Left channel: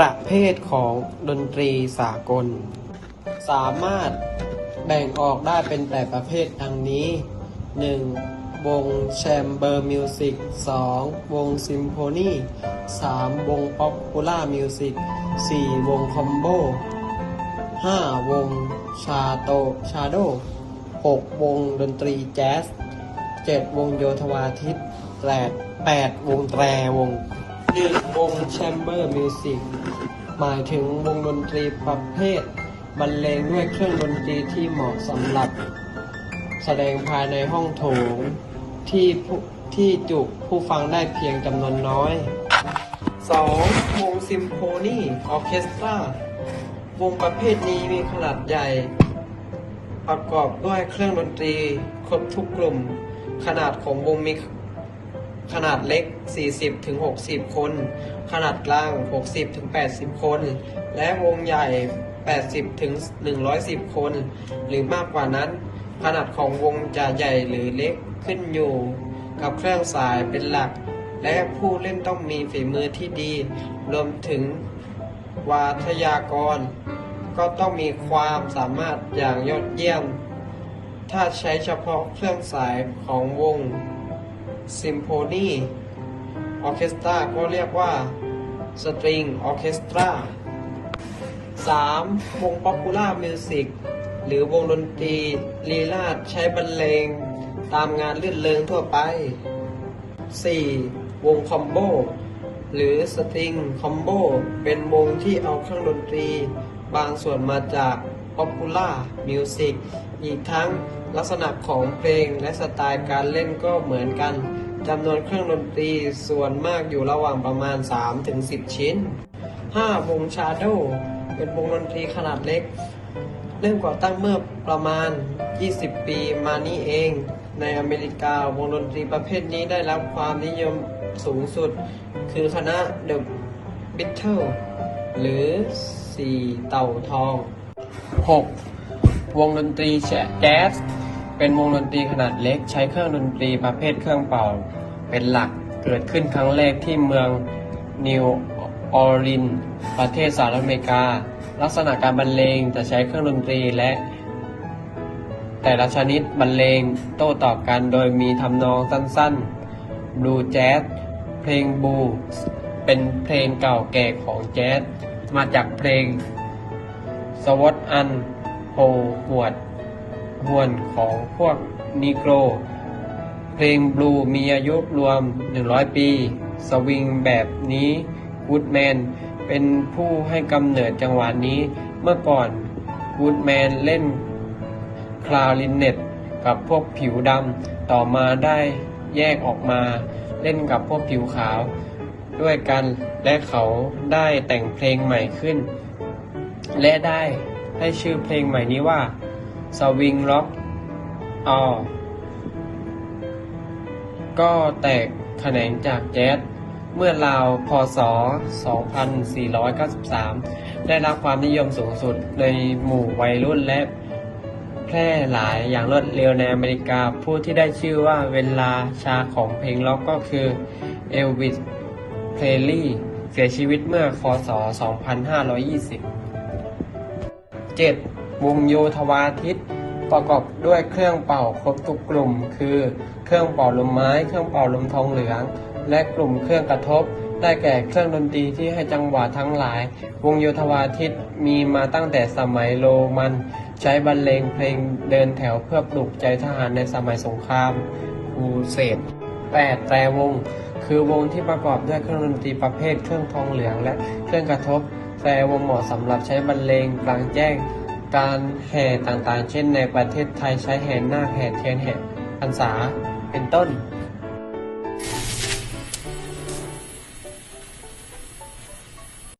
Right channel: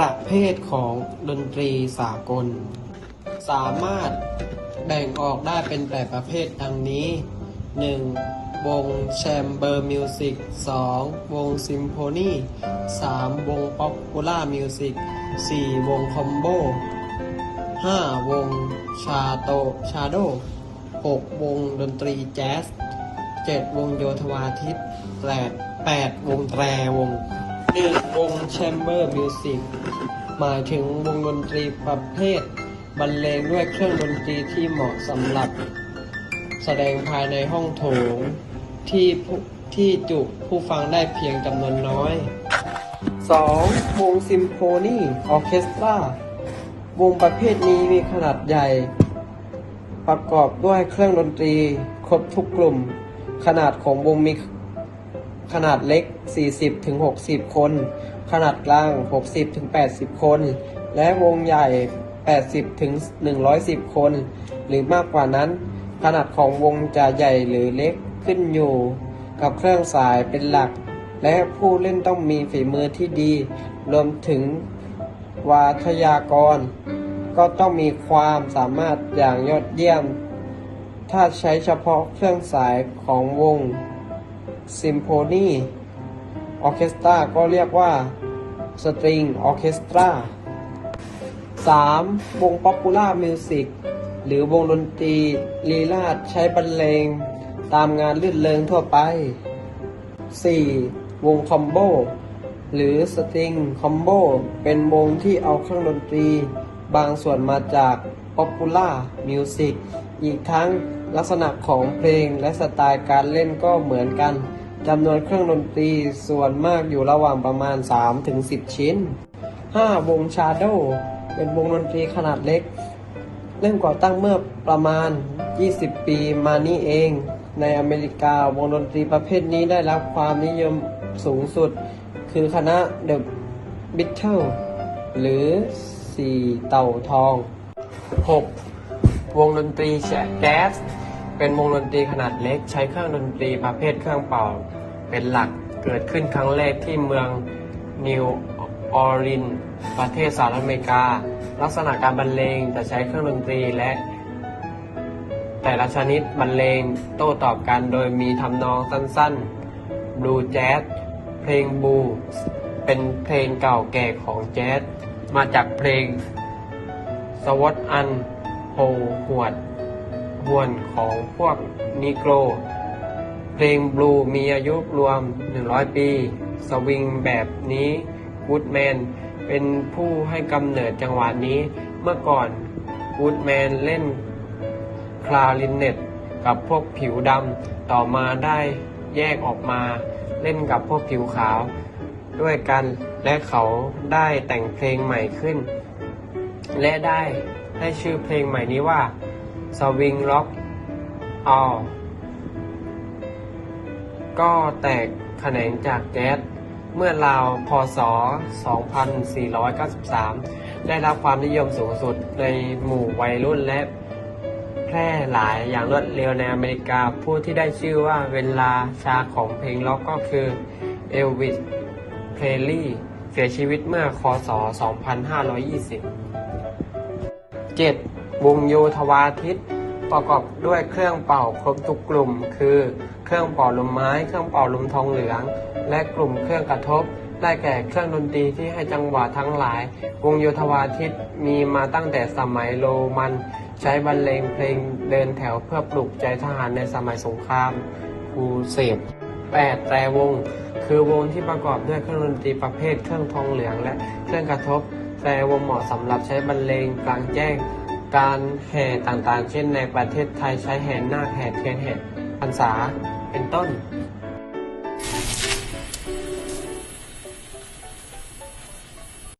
ประเภทของดนตรีสากล สามารถแบ่งออกได้เป็นแปดประเภทดังนี้ 1. วงแชมเบอร์มิวสิก 2. วงซิมโฟนี 3. วงป๊อปปูล่ามิวสิก 4. วงคอมโบ 5. วงชาโตชาโด 6. วงดนตรีแจ๊ส 7. วงโยธวาทิต 8. 8วงแตรวง 1. วงแชมเบอร์มิวสิกหมายถึงวงดนตรีประเภท บรรเลงด้วยเครื่องดนตรีที่เหมาะสำหรับ แสดงภายในห้องโถง ที่ผู้ที่จุผู้ฟังได้เพียงจำนวนน้อย 2. วงซิมโฟนีออเคสตราวงประเภทนี้มีขนาดใหญ่ ประกอบด้วยเครื่องดนตรี ครบทุกกลุ่ม ขนาดของวงมี ขนาดเล็ก 40-60 คน ขนาดกลาง 60-80 คน และวงใหญ่ 80-110 คน หรือมากกว่านั้น ขนาดของวงจะใหญ่หรือเล็กขึ้นอยู่ กับเครื่องสายเป็นหลัก และผู้เล่นต้องมีฝีมือที่ดี รวมถึงวาทยากร ก็ต้องมีความสามารถอย่างยอดเยี่ยม ถ้าใช้เฉพาะเครื่องสายของวง ซิมโฟนีออเคสตราก็เรียกว่าสตริงออเคสตรา 3. วงป๊อปปูล่ามิวสิกหรือวงดนตรีลีลาดใช้บรรเลง ตามงานลื่นเริงทั่วไป 4. วงคอมโบ หรือสตริงคอมโบ เป็นวงที่เอาเครื่องดนตรี บางส่วนมาจากป๊อปปูล่ามิวสิกอีกทั้งลักษณะของเพลงและสไตล์การเล่นก็เหมือนกัน จำนวนเครื่องดนตรีส่วนมากอยู่ระหว่างประมาณ 3-10ชิ้น 5. วงชาโดเป็นวงดนตรีขนาดเล็ก เริ่มก่อตั้งเมื่อประมาณ 20 ปีมานี้เอง ในอเมริกาวงดนตรีประเภทนี้ได้รับความนิยมสูงสุด คือคณะ The Beatles หรือสี่เต่าทอง 6. วงดนตรีแจ๊ส เป็นวงดนตรีขนาดเล็กใช้เครื่องดนตรีประเภทเครื่องเป่า เป็นหลักเกิดขึ้นครั้งแรกที่เมืองนิวออร์ลิน ประเทศสหรัฐอเมริกา ลักษณะการบรรเลงจะใช้เครื่องดนตรีและ แต่ละชนิดบรรเลงโต้ตอบกันโดยมีทำนองสั้นๆบลูแจ๊สเพลงบูเป็นเพลงเก่าแก่ของแจ๊สมาจากเพลงสวอตอันโฮหวด หวนของพวกนิโกร เพลงบลูมีอายุรวม 100 ปี สวิงแบบนี้กูดแมนเป็นผู้ให้กำเนิดจังหวะนี้ เมื่อก่อนกูดแมนเล่นคลารินเน็ตกับพวกผิวดำต่อมาได้แยกออกมาเล่นกับพวกผิวขาว ด้วยกันและเขาได้แต่งเพลงใหม่ขึ้น และได้ให้ชื่อเพลงใหม่นี้ว่า สวิงล็อกออก็แตกแขนงจากแจ๊สเมื่อราวพศ 2493 ได้รับความนิยมสูงสุดในหมู่วัยรุ่นและแพร่หลายอย่างรวดเร็วในอเมริกา ผู้ที่ได้ชื่อว่าเวลาชาของเพลงล็อกก็คือเอลวิส เพลลี่ เสียชีวิตเมื่อคศ 2520 7. วงโยธวาทิต ประกอบด้วยเครื่องเป่าครบทุกกลุ่ม คือ เครื่องเป่าลมไม้ เครื่องเป่าลมทองเหลือง และกลุ่มเครื่องกระทบ ได้แก่เครื่องดนตรีที่ให้จังหวะทั้งหลาย วงโยธวาทิตมีมาตั้งแต่สมัยโรมัน ใช้บรรเลงเพลงเดินแถวเพื่อปลุกใจทหารในสมัยสงครามคูเสด 8. แต่วง คือวงที่ประกอบด้วยเครื่องดนตรีประเภทเครื่องทองเหลืองและเครื่องกระทบ แต่วงเหมาะสำหรับใช้บรรเลงกลางแจ้ง การแห่ต่างๆ เช่นในประเทศไทยใช้แห่นาคแห่เทียนแห่พรรษาเป็นต้น